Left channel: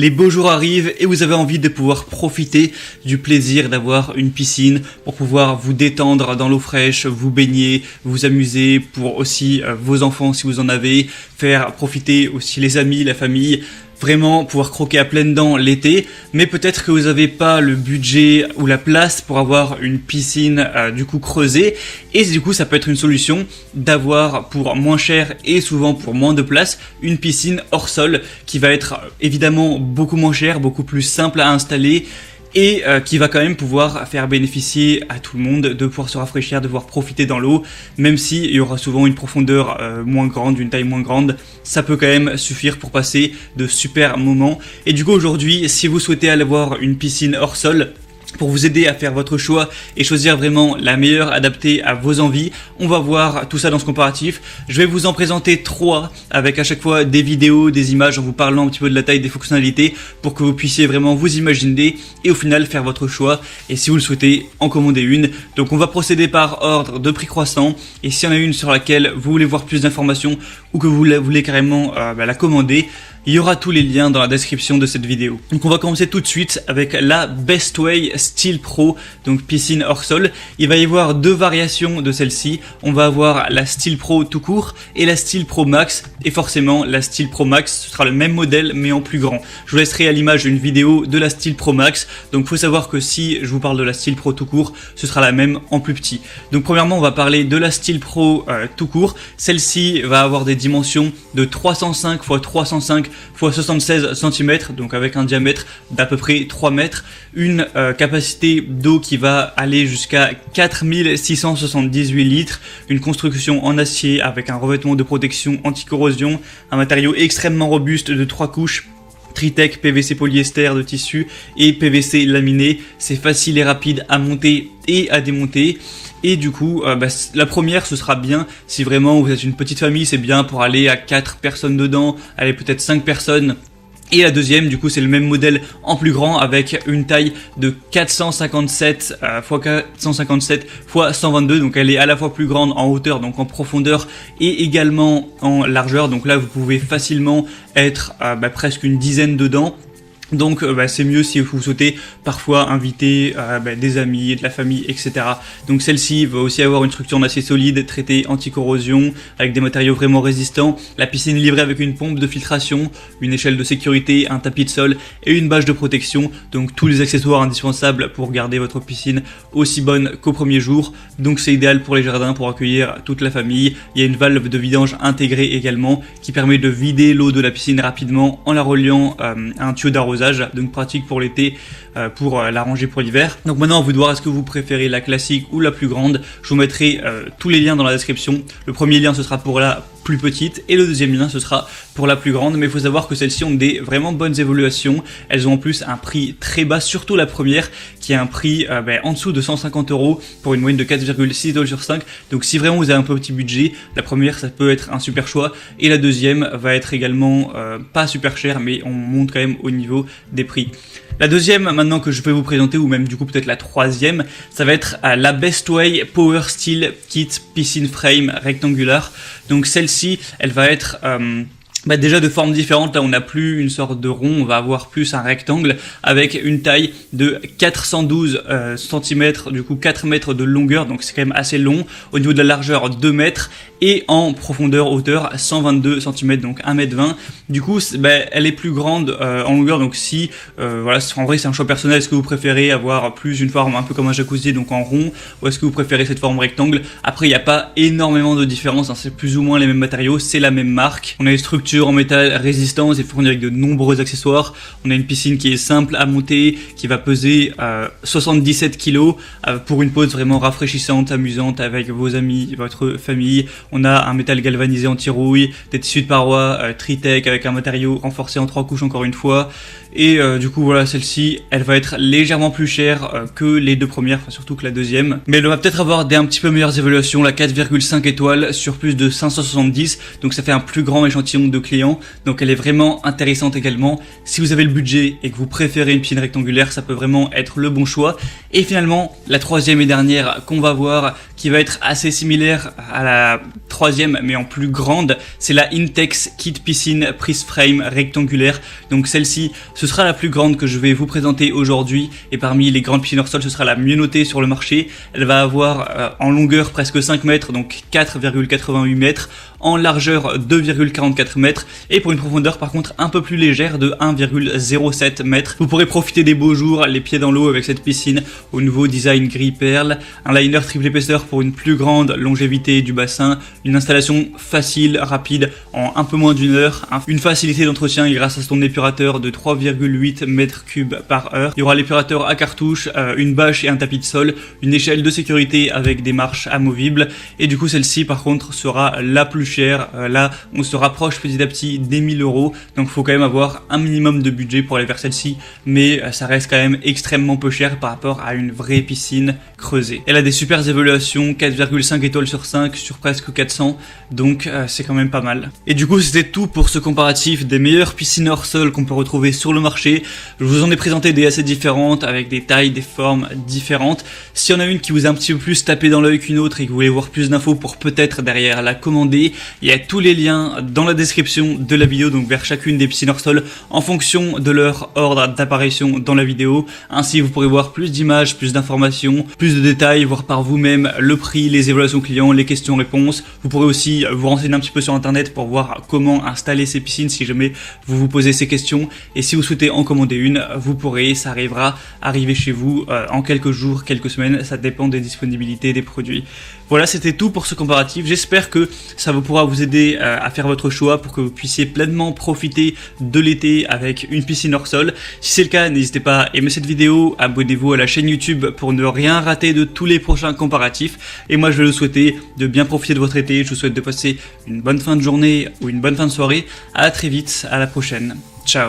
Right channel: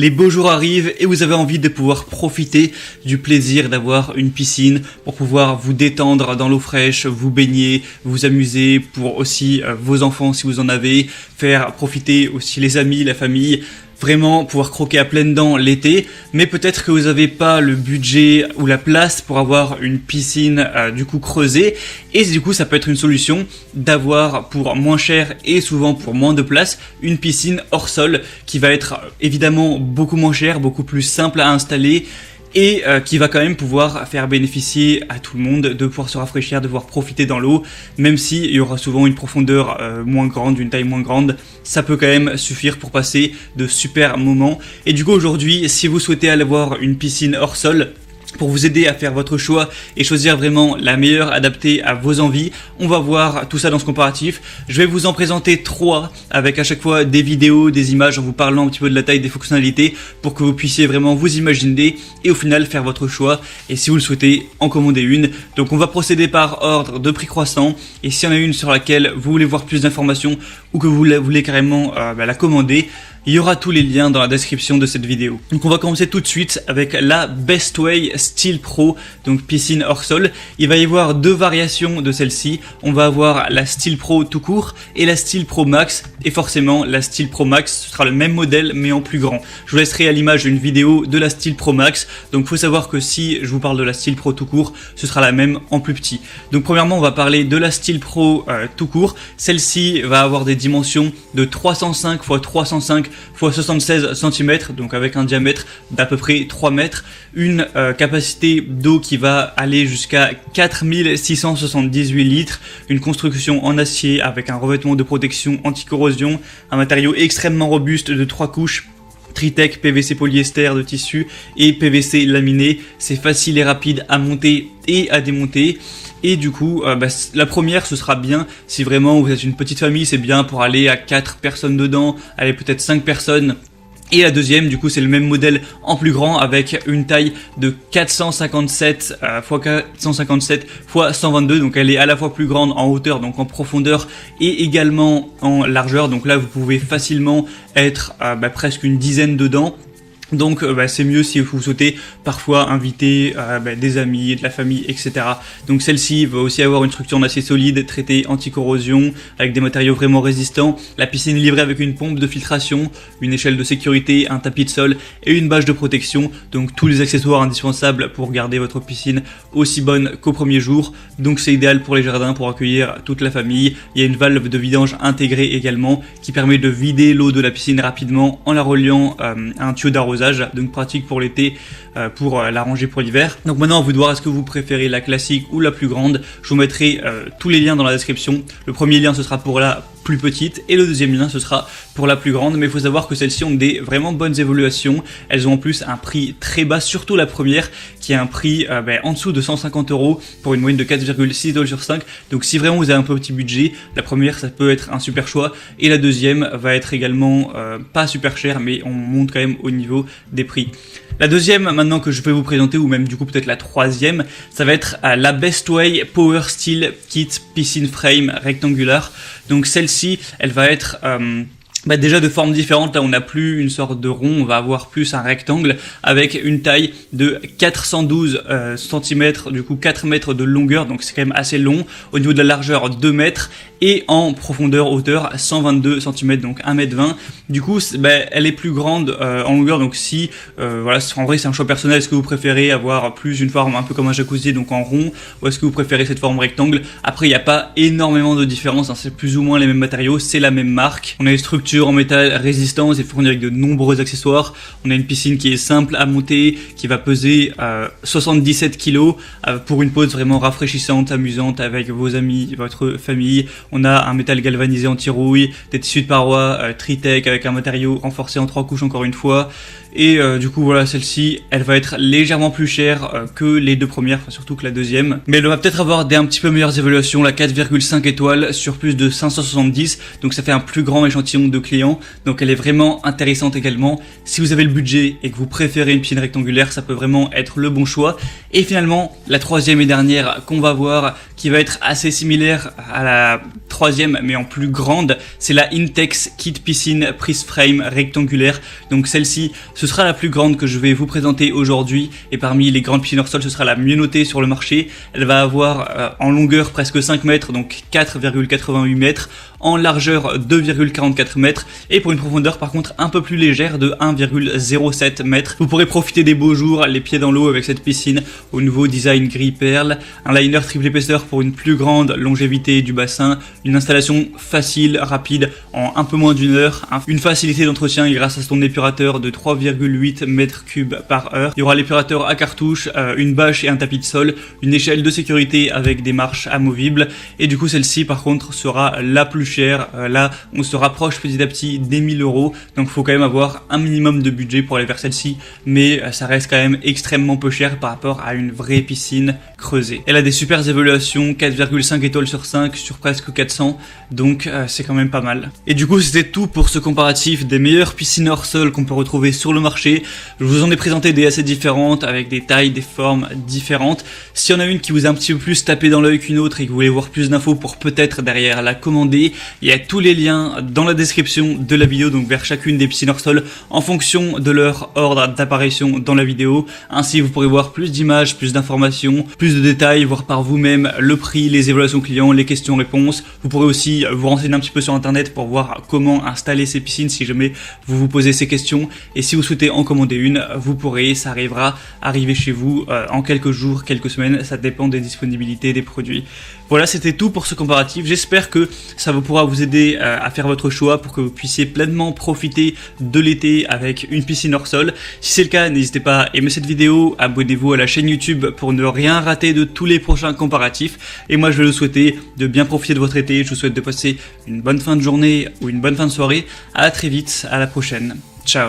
Les beaux jours arrivent et vous avez envie de pouvoir profiter du plaisir d'avoir une piscine pour pouvoir vous détendre dans l'eau fraîche, vous baigner, vous amuser, pour aussi vos enfants si vous en avez, faire profiter aussi les amis, la famille, vraiment pouvoir croquer à pleines dents l'été. Mais peut-être que vous n'avez pas le budget ou la place pour avoir une piscine du coup creusée, et du coup ça peut être une solution d'avoir pour moins cher et souvent pour moins de place une piscine hors sol qui va être évidemment beaucoup moins chère, beaucoup plus simple à installer et qui va quand même pouvoir faire bénéficier à tout le monde de pouvoir se rafraîchir, de pouvoir profiter dans l'eau, même s'il y aura souvent une profondeur moins grande, une taille moins grande, ça peut quand même suffire pour passer de super moments. Et du coup aujourd'hui, si vous souhaitez aller voir une piscine hors sol, pour vous aider à faire votre choix et choisir vraiment la meilleure adaptée à vos envies, on va voir tout ça dans ce comparatif. Je vais vous en présenter 3 avec à chaque fois des vidéos, des images en vous parlant un petit peu de la taille, des fonctionnalités pour que vous puissiez vraiment vous imaginer et au final faire votre choix, et si vous le souhaitez en commander une. Donc on va procéder par ordre de prix croissant, et s'il y en a une sur laquelle vous voulez voir plus d'informations ou que vous voulez carrément la commander, il y aura tous les liens dans la description de cette vidéo. Donc on va commencer tout de suite avec la Bestway Steel Pro, donc piscine hors sol. Il va y avoir 2 variations de celle-ci. On va avoir la Steel Pro tout court et la Steel Pro Max. Et forcément la Steel Pro Max sera le même modèle mais en plus grand. Je vous laisserai à l'image une vidéo de la Steel Pro Max. Donc il faut savoir que si je vous parle de la Steel Pro tout court, ce sera la même en plus petit. Donc premièrement on va parler de la Steel Pro tout court. Celle-ci va avoir des dimensions de 305 x 305 x 76 cm, donc avec un diamètre d'à peu près 3 mètres, une capacité d'eau qui va aller jusqu'à 4678 litres, une construction en acier avec un revêtement de protection anti-corrosion, un matériau extrêmement robuste de 3 couches, Tritech, PVC polyester de tissu et PVC laminé. C'est facile et rapide à monter et à démonter. Et du coup, la première, ce sera bien si vraiment vous êtes une petite famille, c'est bien pour aller à 4 personnes dedans, aller peut-être 5 personnes. Et la deuxième, du coup, c'est le même modèle en plus grand avec une taille de 457 x 457 x 122. Donc elle est à la fois plus grande en hauteur, donc en profondeur, et également en largeur. Donc là, vous pouvez facilement être presque une dizaine dedans. Donc c'est mieux si vous souhaitez parfois inviter des amis, de la famille, etc. Donc celle-ci va aussi avoir une structure en acier solide, traitée anti-corrosion, avec des matériaux vraiment résistants. La piscine est livrée avec une pompe de filtration, une échelle de sécurité, un tapis de sol et une bâche de protection. Donc tous les accessoires indispensables pour garder votre piscine aussi bonne qu'au premier jour. Donc c'est idéal pour les jardins, pour accueillir toute la famille. Il y a une valve de vidange intégrée également qui permet de vider l'eau de la piscine rapidement en la reliant à un tuyau d'arrosage. Donc pratique pour l'été, pour la ranger pour l'hiver. Donc maintenant, à vous de voir, est-ce que vous préférez la classique ou la plus grande. Je vous mettrai tous les liens dans la description. Le premier lien, ce sera pour la plus petite et le deuxième lien, ce sera pour la plus grande. Mais il faut savoir que celles-ci ont des vraiment bonnes évaluations. Elles ont en plus un prix très bas, surtout la première qui a un prix en dessous de 150 € pour une moyenne de 4,6 $ sur 5. Donc si vraiment vous avez un peu petit budget, la première ça peut être un super choix, et la deuxième va être également pas super cher, mais on monte quand même au niveau des prix. La deuxième maintenant que je vais vous présenter, ou même du coup peut-être la troisième, ça va être la Bestway Power Steel Kit Piscine Frame rectangulaire. Donc celle-ci, elle va être déjà de forme différente. Là on n'a plus une sorte de rond, on va avoir plus un rectangle avec une taille de 412 cm, du coup 4 mètres de longueur, donc c'est quand même assez long. Au niveau de la largeur 2 mètres et en profondeur hauteur 122 cm, donc 1,20 m. Du coup elle est plus grande en longueur, donc si en vrai c'est un choix personnel. Est-ce que vous préférez avoir plus une forme un peu comme un jacuzzi, donc en rond, ou est-ce que vous préférez cette forme rectangle? Après il n'y a pas énormément de différence, hein, c'est plus ou moins les mêmes matériaux, c'est la même marque. On a les structures en métal résistant et fourni avec de nombreux accessoires. On a une piscine qui est simple à monter, qui va peser 77 kg pour une pause vraiment rafraîchissante, amusante avec vos amis, votre famille. On a un métal galvanisé anti-rouille, des tissus de paroi Tritech avec un matériau renforcé en 3 couches encore une fois. Et du coup voilà, celle-ci elle va être légèrement plus chère que les deux premières, enfin surtout que la deuxième, mais elle va peut-être avoir des un petit peu meilleures évaluations. La 4,5 étoiles sur plus de 570, donc ça fait un plus grand échantillon de clients, donc elle est vraiment intéressante également. Si vous avez le budget et que vous préférez une piscine rectangulaire, ça peut vraiment être le bon choix. Et finalement la troisième et dernière qu'on va voir, qui va être assez similaire à la troisième, mais en plus grande, c'est la Intex Kit Piscine Prise Frame rectangulaire. Donc celle-ci, ce sera la plus grande que je vais vous présenter aujourd'hui. Et parmi les grandes piscines hors sol, ce sera la mieux notée sur le marché. Elle va avoir en longueur presque 5 mètres, donc 4,88 mètres. En largeur 2,44 mètres et pour une profondeur par contre un peu plus légère de 1,07 mètres. Vous pourrez profiter des beaux jours, les pieds dans l'eau avec cette piscine au nouveau design gris perle, un liner triple épaisseur pour une plus grande longévité du bassin, une installation facile, rapide en un peu moins d'une heure, une facilité d'entretien grâce à son épurateur de 3,8 mètres cubes par heure. Il y aura l'épurateur à cartouche, une bâche et un tapis de sol, une échelle de sécurité avec des marches amovibles et du coup celle-ci par contre sera la plus cher. Là, on se rapproche petit à petit des 1000 €. Donc, il faut quand même avoir un minimum de budget pour aller vers celle-ci. Mais ça reste quand même extrêmement peu cher par rapport à une vraie piscine creusée. Elle a des super évaluations, 4,5 étoiles sur 5 sur presque 400. Donc, c'est quand même pas mal. Et du coup, c'était tout pour ce comparatif des meilleures piscines hors sol qu'on peut retrouver sur le marché. Je vous en ai présenté des assez différentes avec des tailles, des formes différentes. S'il y en a une qui vous a un petit peu plus tapé dans l'œil qu'une autre et que vous voulez voir plus d'infos pour peut-être derrière la commander, il y a tous les liens dans la description de la vidéo, donc vers chacune des piscines hors sol en fonction de leur ordre d'apparition dans la vidéo. Ainsi, vous pourrez voir plus d'images, plus d'informations, plus de détails, voir par vous-même le prix, les évaluations clients, les questions-réponses. Vous pourrez aussi vous renseigner un petit peu sur internet pour voir comment installer ces piscines si jamais vous vous posez ces questions. Et si vous souhaitez en commander une, vous pourrez, ça arriver chez vous en quelques jours, quelques semaines, ça dépend des disponibilités des produits. Voilà, c'était tout pour ce comparatif. J'espère que ça vous pourra vous aider à faire votre choix pour que vous puissiez pleinement profiter de l'été avec une piscine hors sol. Si c'est le cas, n'hésitez pas à aimer cette vidéo, abonnez-vous à la chaîne YouTube pour ne rien rater de tous les prochains comparatifs. Et moi, je vais vous souhaiter de bien profiter de votre été. Je vous souhaite de passer une bonne fin de journée ou une bonne fin de soirée. À très vite, à la prochaine. Ciao.